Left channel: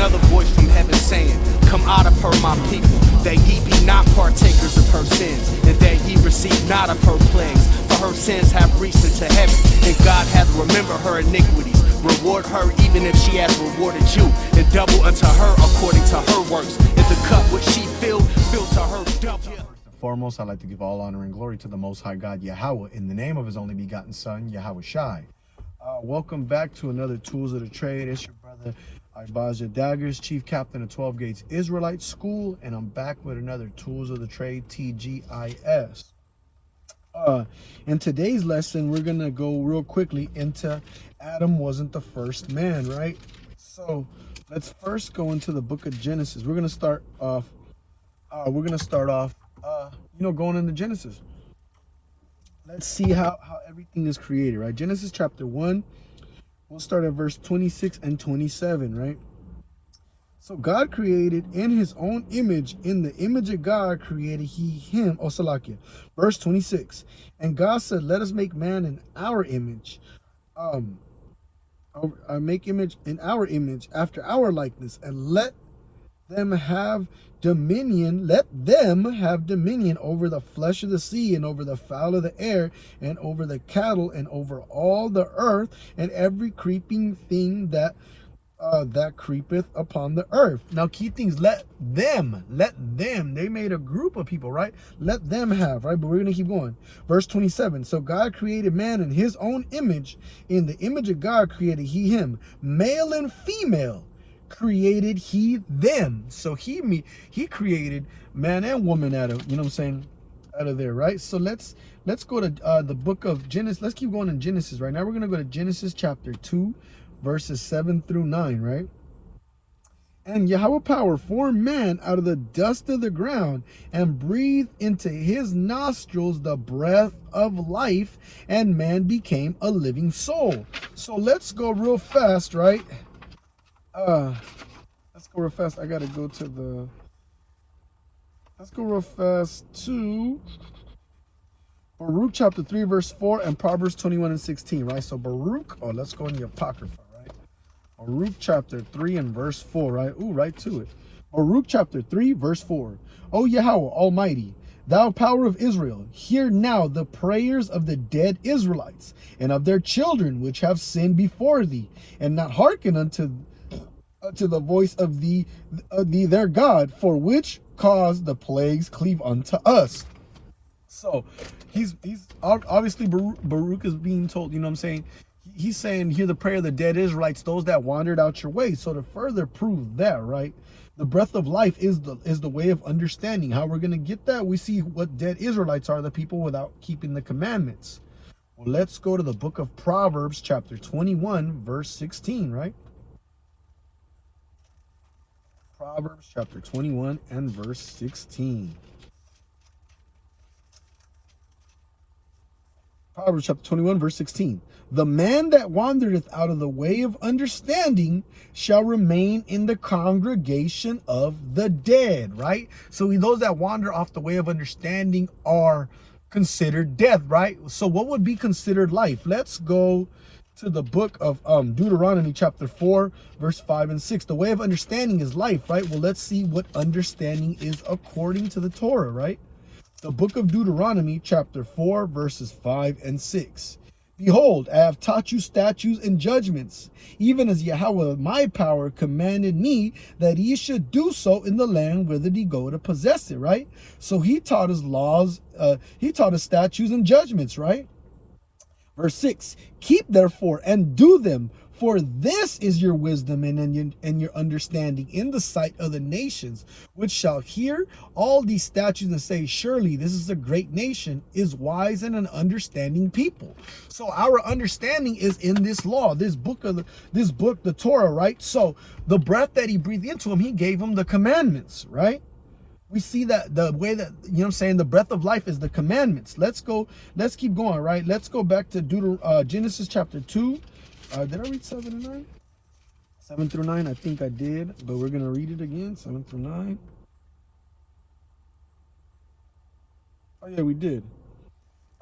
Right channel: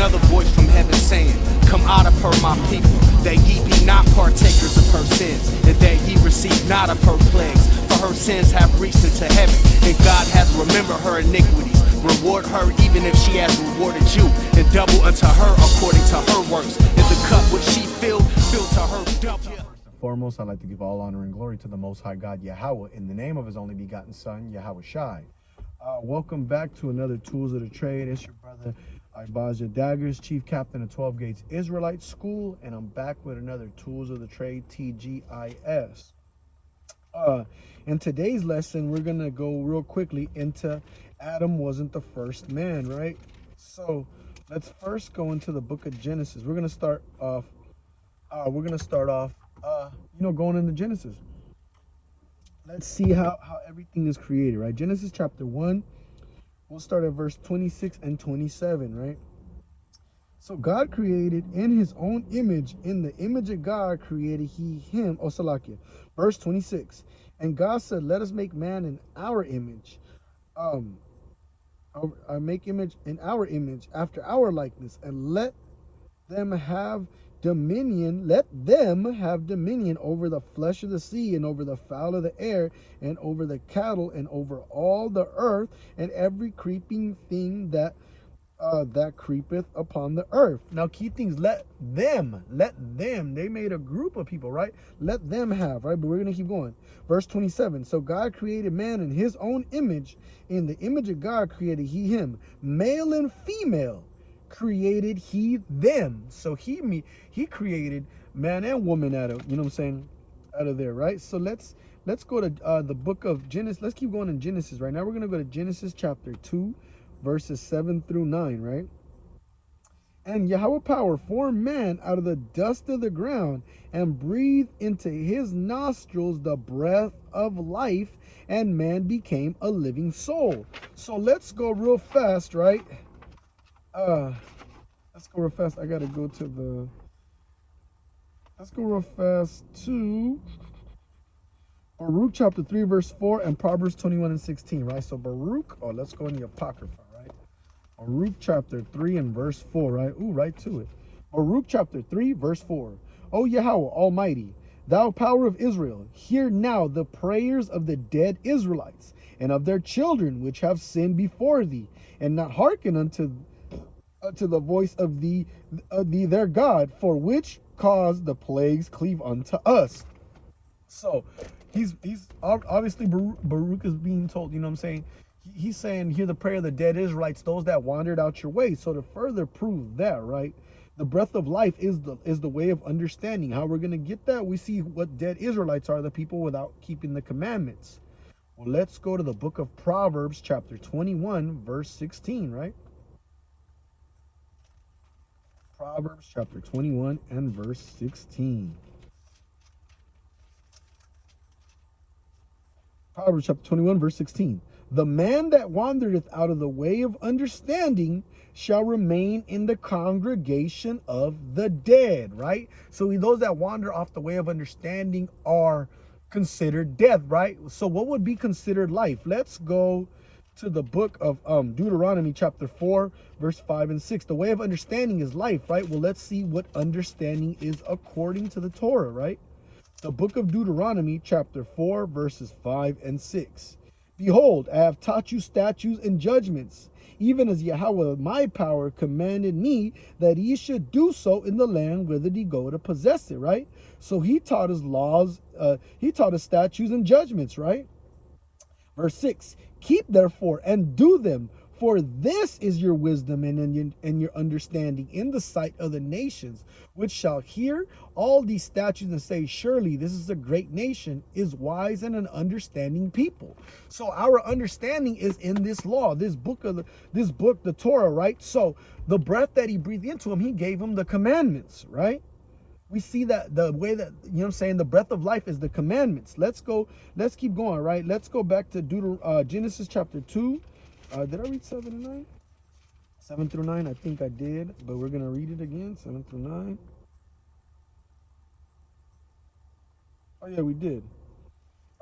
another voice from heaven saying, come out of her, my people, that ye be not partakers of her sins, and that ye receive not of her plagues. For her sins have reached into heaven, and God hath remembered her iniquities. Reward her even if she has rewarded you, and double unto her according to her works. And the cup which she filled to her double. Foremost, I'd like to give all honor and glory to the Most High God, Yahweh, in the name of His only begotten Son, YHWH. Welcome back to another Tools of the Trade. It's your brother, IBADYAH Dagrz, Chief Captain of 12 Gates Israelite School, and I'm back with another Tools of the Trade, TGIS. In today's lesson, we're going to go real quickly into Adam wasn't the first man, right? So let's first go into the book of Genesis. We're going to start off, going into Genesis. Let's see how everything is created, right? Genesis chapter 1, we'll start at verse 26 and 27, right? So God created in His own image, in the image of God created He him. Oh, Salakia. Verse 26. And God said, let us make man in our image. Make image in our image, after our likeness, and let them have dominion over the flesh of the sea, and over the fowl of the air, and over the cattle, and over all the earth, and every creeping thing that creepeth upon the earth. Now key things, let them, they made a group of people, right? Let them have, right? But we're gonna keep going. Verse 27. So God created man in His own image, in the image of God created He him, male and female created He them. So he created man and woman out of, out of there, right? So let's go to the book of Genesis. Let's keep going in Genesis. Right now we're gonna go to Genesis chapter 2, verses 7 through 9, right? And YHWH formed man out of the dust of the ground, and breathed into his nostrils the breath of life, and man became a living soul. So let's go real fast, right? Let's go real fast. I gotta go to the, let's go real fast to Baruch chapter 3, verse 4, and Proverbs 21 and 16, right? So Baruch, let's go in the Apocrypha, right? Baruch chapter 3 and verse 4, right? Ooh, right to it. Baruch chapter 3, verse 4. O Yahweh Almighty, thou power of Israel, hear now the prayers of the dead Israelites, and of their children which have sinned before thee, and not hearken unto the voice of thee their God, for which cause the plagues cleave unto us. So he's obviously Baruch is being told, he's saying, hear the prayer of the dead Israelites, those that wandered out your way. So to further prove that, right, the breath of life is the way of understanding. How we're going to get that, we see what dead Israelites are, the people without keeping the commandments. Well, let's go to the book of Proverbs chapter 21 verse 16, right? Proverbs chapter 21 and verse 16. Proverbs chapter 21, verse 16. The man that wandereth out of the way of understanding shall remain in the congregation of the dead, right? So those that wander off the way of understanding are considered death, right? So what would be considered life? Let's go to the book of Deuteronomy chapter 4, verse 5 and 6. The way of understanding is life, right? Well, let's see what understanding is according to the Torah, right? The book of Deuteronomy chapter 4 verses 5 and 6. Behold, I have taught you statutes and judgments, even as Yahweh my power commanded me that ye should do so in the land whither ye go to possess it, right? So he taught us laws, he taught us statutes and judgments, right? Verse 6, keep therefore and do them, for this is your wisdom and your understanding in the sight of the nations, which shall hear all these statutes and say, surely this is a great nation, is wise and an understanding people. So our understanding is in this law, this book, the Torah, right? So the breath that he breathed into him, he gave him the commandments, right? We see that the way that, the breath of life is the commandments. Let's keep going, right? Let's go back to Genesis chapter 2. Did I read 7 and 9? 7 through 9, I think I did, but we're going to read it again, 7 through 9. Oh, yeah, we did.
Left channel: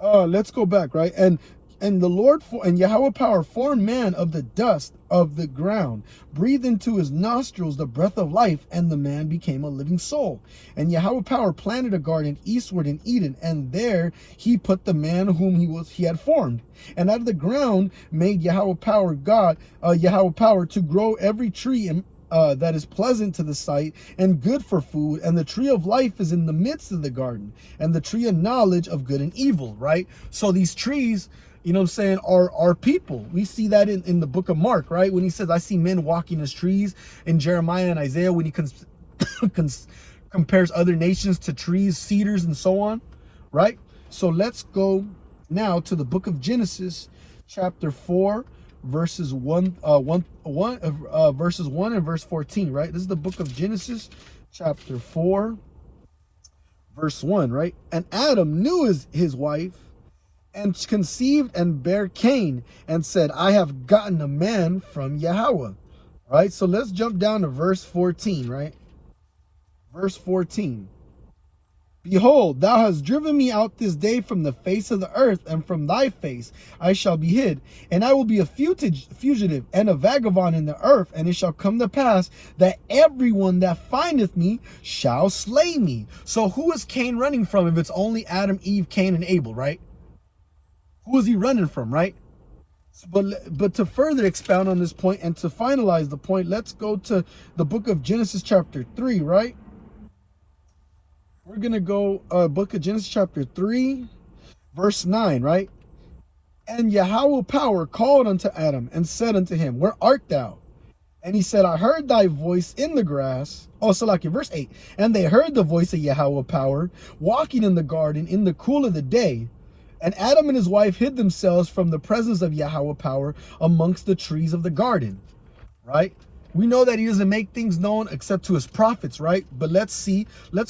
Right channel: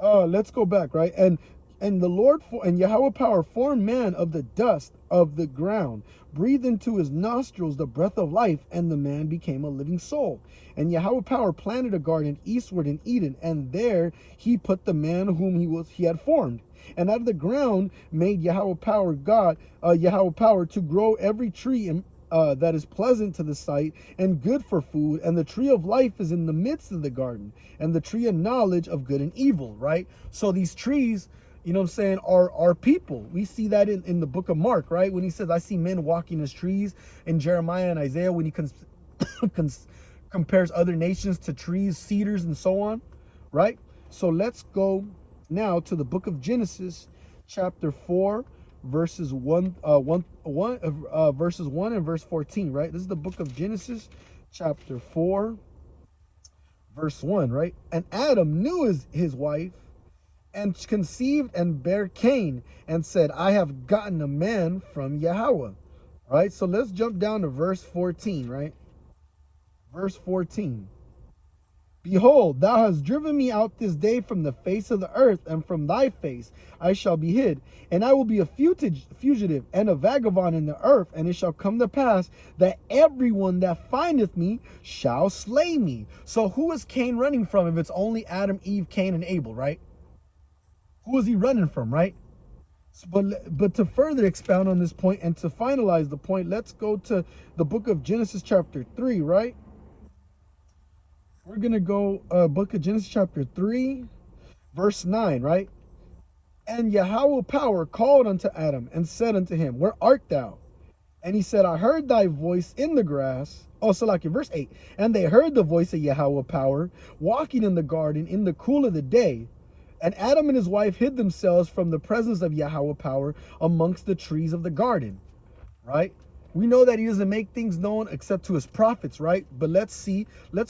Let's go back, right? And And Yahweh power formed man of the dust of the ground, breathed into his nostrils the breath of life, and the man became a living soul. And Yahweh power planted a garden eastward in Eden, and there he put the man whom he had formed. And out of the ground made Yahweh power to grow every tree that is pleasant to the sight and good for food, and the tree of life is in the midst of the garden, and the tree of knowledge of good and evil, right? So these trees, you know what I'm saying, are people. We see that in the book of Mark, right? When he says, I see men walking as trees. In Jeremiah and Isaiah, when he compares other nations to trees, cedars, and so on, right? So let's go now to the book of Genesis, chapter 4, verses 1 and verse 14, right? This is the book of Genesis, chapter 4, verse 1, right? And Adam knew his wife, and conceived and bare Cain, and said, I have gotten a man from Yahweh. Right? So let's jump down to verse 14, right? Verse 14. Behold, thou hast driven me out this day from the face of the earth, and from thy face I shall be hid. And I will be a fugitive and a vagabond in the earth. And it shall come to pass that everyone that findeth me shall slay me. So who is Cain running from if it's only Adam, Eve, Cain, and Abel, right? Who is he running from, right? But to further expound on this point and to finalize the point, let's go to the book of Genesis chapter 3, right? We're going to go book of Genesis chapter 3, verse 9, right? And Yahweh power called unto Adam and said unto him, where art thou? And he said, I heard thy voice in the grass. Oh, so like in verse 8. And they heard the voice of Yahweh power walking in the garden in the cool of the day. And Adam and his wife hid themselves from the presence of Yahweh power amongst the trees of the garden, right? We know that he doesn't make things known except to his prophets, right? But let's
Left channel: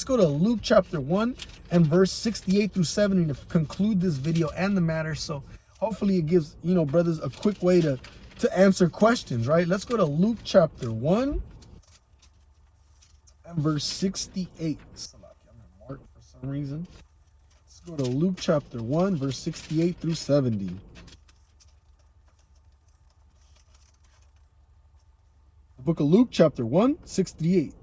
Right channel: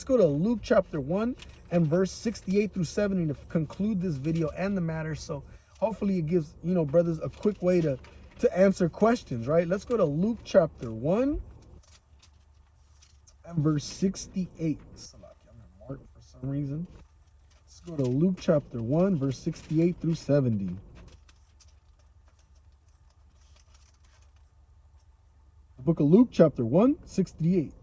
go to Luke chapter 1 and verse 68 through 70 to conclude this video and the matter. So hopefully it gives, you know, brothers, a quick way to answer questions, right? Let's go to Luke chapter 1 and verse 68. I'm gonna mark for some reason. Let's go to Luke chapter 1, verse 68 through 70. The book of Luke chapter 1, 68.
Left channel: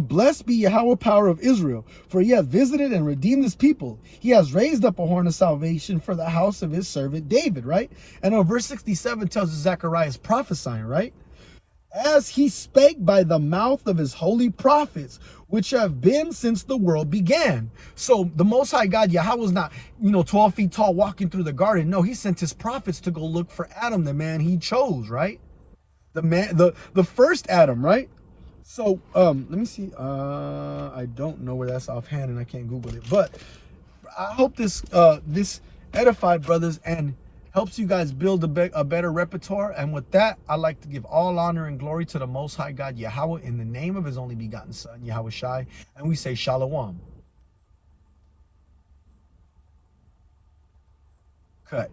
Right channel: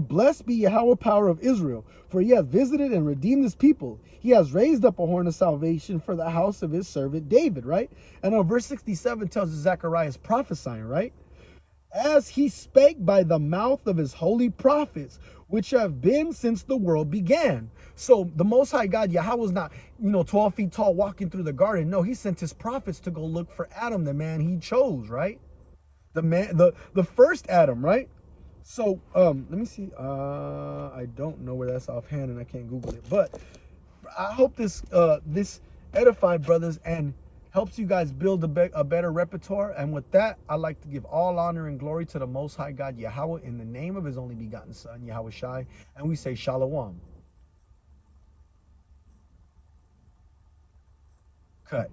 Blessed be Yahweh power of Israel, for he hath visited and redeemed his people. He has raised up a horn of salvation for the house of his servant David, right? And verse 67 tells us Zechariah is prophesying, right? As he spake by the mouth of his holy prophets, which have been since the world began. So the Most High God, Yahweh, was not, 12 feet tall walking through the garden. No, he sent his prophets to go look for Adam, the man he chose, right? The first Adam, right? So let me see. I don't know where that's offhand, and I can't Google it. But I hope this edified brothers and helps you guys build a better repertoire. And with that, I'd like to give all honor and glory to the Most High God Yahweh in the name of his only begotten Son, YHWH, and we say Shalom. Cut.